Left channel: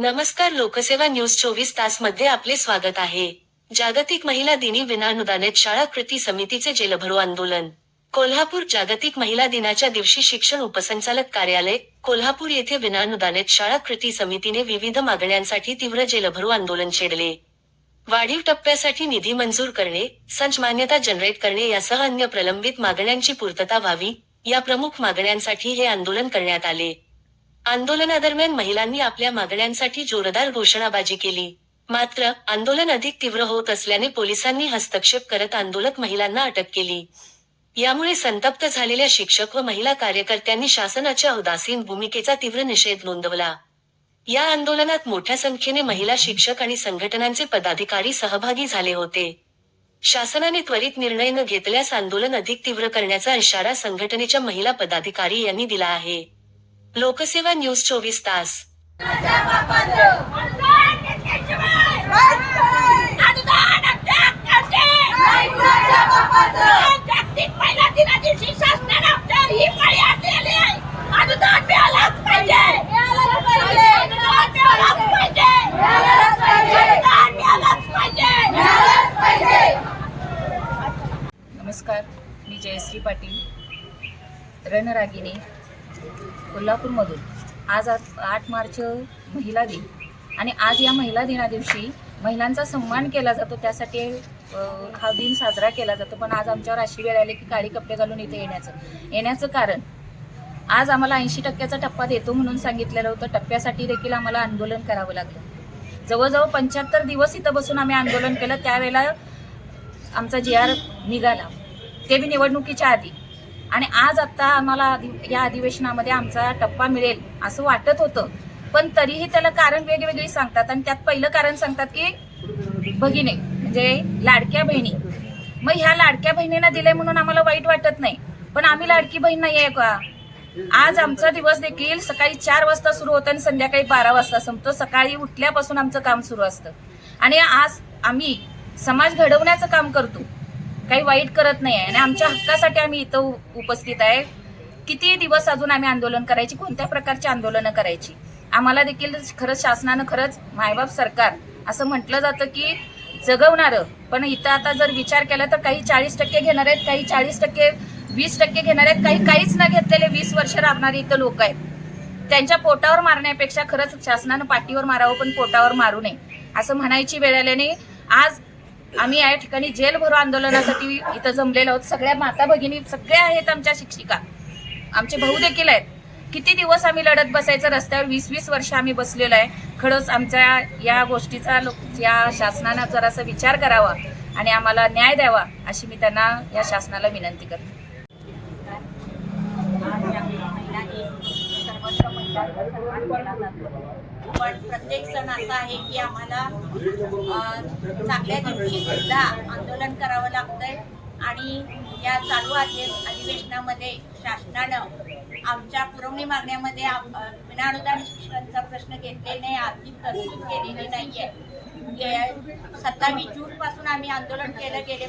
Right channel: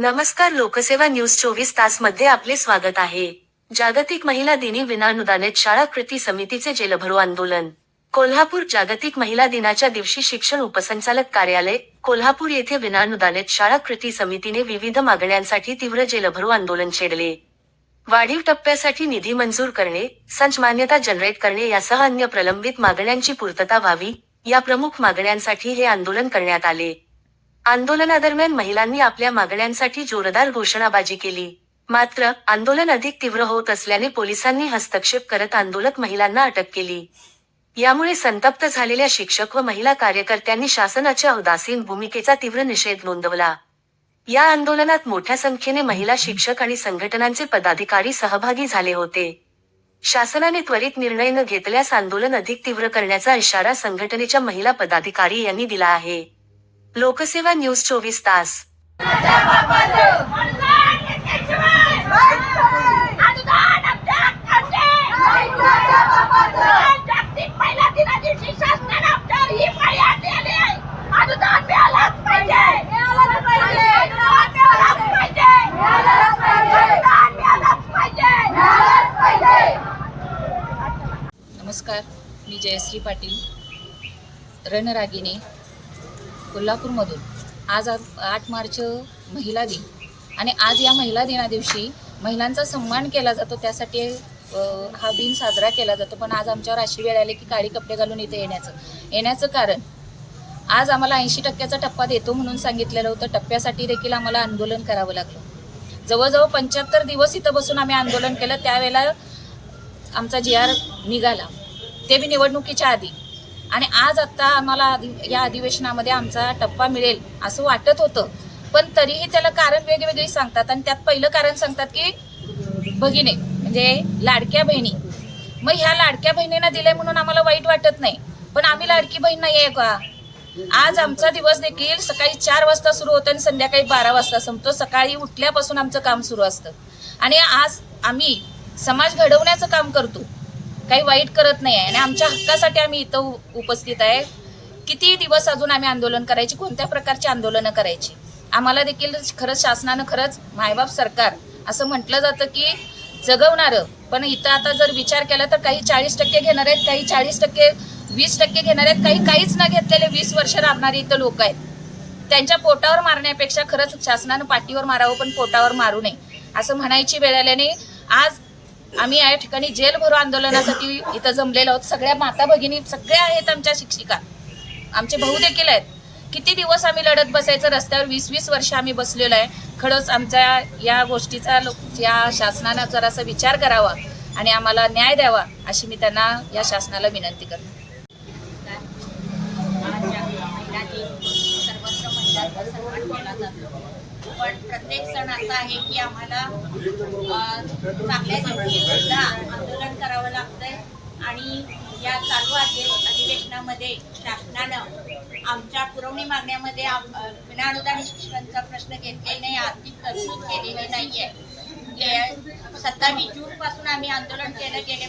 नमस्कार लोकसेवा न्यूज चोवीस तासमध्ये आपले स्वागत आहे. जागतिक महिला दिनी विनानुदानित शाळा कृती समितीचे जेलभरो आंदोलन. कोल्हापूर जागतिक महिला दिनाच्या दिवशी शिक्षण उपसंचालक कार्यालय कोल्हापूर येथे विनानुदानित शाळा कृती समितीने विविध मागण्यांसाठी तीव्र जेलभरो आंदोलन छेडले. वाढीव टप्प्यासाठी निधी मंजूर करणे संच मान्यता जनरेट करणे यासह अन्य प्रलंबित मागण्यांची पूर्तता व्हावी या प्रमुख मागण्यांसाठी हे आंदोलन करण्यात आले. आंदोलनादरम्यान महिलांनी आपल्या मागण्यांसाठी जोरदार घोषणाबाजी केली. मात्र आंदोलन अधिक तीव्र होत असल्याने पोलिसांनी हस्तक्षेप करत आंदोलक महिलांना अटक केली. यामुळे संतप्त झालेल्या शिक्षक व महिला कार्यकर्त्यांनी शासनाच्या उदासीन भूमिकेचा तीव्र निषेध नोंदवला. या आंदोलनात मोठ्या संख्येने महिला शिक्षक आणि संघटनांचे पदाधिकारी सहभागी झाले होते. शासनाने त्वरित निर्णय न घेतल्यास आंदोलन अधिक तीव्र करण्याचा इशारा संघटनेच्या महिला पदाधिकारी यांनी दिला आहे. लोकसेवा न्यूज चोवीस तास. आहे नमस्कार मी जयश्री पाटील रणरागिणी. कोल्हापूरमधून. आज आठ मार्च महिला दिन. आणि आज या महिला दिना दिवशी महिलांचा सन्मान केला जातो. त्यासाठी हा दिन साजरा केला जातो. पण आज आमच्यावर अशी वेळ आली की काळी कपडे घालून इथे येण्याचं. येण्याचं कारण आज आम्हाला ऐंशी टक्क्याचा टप्पा देतो म्हणून सांगितलेलं होतं. टप्प्यासाठी देखील आम्हाला आंदोलन करावं लागलं. जवळजवळ पंच्याहत्तर दिवस इथं बसून आम्ही आंदोलन केलं. त्यावेळेला आमचा जी आर निघाला. ते बी निवडणुकीच्या आधी. आणि आज आत्ता आम्हाला या अधिवेशनामध्ये आमचा टप्पा मिळेल असं वाटत होतं. पण तरीही त्याला कारण वेगवेगळी सांगतात आणि त्यात पहिलं कारण सांगतात की भगिने म्हणजे लाडक्या बहिणी. मग ह्या लाडक्या बहिणींना दिले म्हणून आम्हाला वाईट वाटत नाही. पण आम्ही लाडकी बहीण नाही आहे का? आज आमचा दिवस देखील सकाळी चार वाजता सुरू होतो आणि संध्याकाळी बारा वाजता संपतो. सकाळी उठल्यापासून आमचं काम सुरू असतं. आणि आज आम्ही समाज घडवण्याचं काम करतो. काही वाईट करत नाही आहे आणि आमच्या हक्कासाठी आम्ही इथं उ- उपस्थित आहे. किती दिवस अजून आम्ही आंदोलन करायची कोणत्या प्रकारची आंदोलनं करायची? आम्हाला देखील खरंच शासनानं खरंच मायबाप सरकार असं म्हटलं जातं की जगवणारं. पण इथं आता जर विचार केला तर काही चाळीस टक्के घेणार आहेत काही चाळीस टक्के वीस टक्के घेणार आहेत काही काहीच न घेतलेले वीस वर्ष राबणारे इथं लोक आहेत. त्यांच्या पोटावर मारण्यापेक्षा खरंच शासनानं पाठीवर मारावं पण पोटावर मारू नये असं म्हणायची वेळ आल्याने आज आम्ही या ठिकाणी जेल भरो आंदोलनासाठी इथं जमलेलो आहोत. सगळ्या माता भगिनी सगळ्या आहेत आमच्या शिक्षिका. आमचे भाऊ देखील आहेत. किती दिवस आम्ही लढत बसायचं रस्त्यावर? वीस वीस वर्ष आम्ही बसलेलो आहे. खरंच आमच्या या गोष्टीचा लोक या शासनानं जरासा विचार करावा आणि आम्हाला न्याय द्यावा अशी मी त्यांना या शासनाला विनंती करते. सर्वत्र महिला सन्मान केला जातो. पण प्रत्येक सण असा आहे की आम्हाला चांगल्या दिवशी सुद्धा आंदोलन करावं लागतंय. आणि या चालू अधिवेशनामध्ये शासनानं आमच्या पुरवणी मागण्यामध्ये आम- विनाअनुदान शिक्षणाचा प्रश्न घेतलेला नाही आर्थिक तरतूद केलेली नाही आहे सत्तावीस जून पासून आम्ही आंदोलन केलं. गेले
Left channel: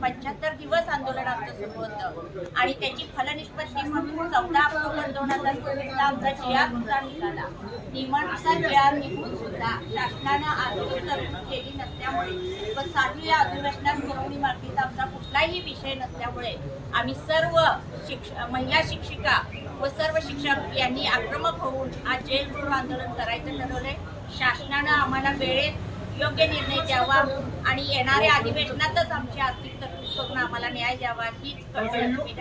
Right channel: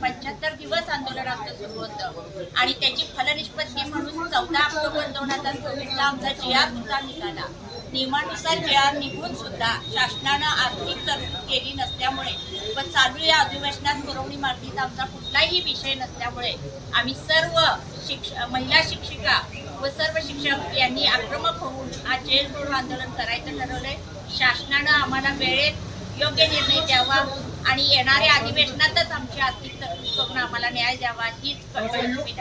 पंच्याहत्तर दिवस आंदोलन आमचं सुरू होतं. आणि त्याची फलनिष्पत्ती म्हणून चौदा ऑक्टोबर दोन हजार चोवीसला आमचा जिया सुद्धा निघाला. नियमानुसार जिया निघून सुद्धा शासनानं आर्थिक तरतूद केली नसल्यामुळे पण चालू या अधिवेशनात पुरवणी मागणीचा आमचा कुठलाही विषय नसल्यामुळे आम्ही सर्व शिक्ष महिला शिक्षिका व सर्व शिक्षक यांनी आक्रमक होऊन आज जेल आंदोलन करायचं ठरवलंय. शासनानं आम्हाला वेळेत योग्य निर्णय द्यावा आणि येणाऱ्या अधिवेशनातच आमची आर्थिक तरतूद करून आम्हाला न्याय द्यावा हीच कळकळीची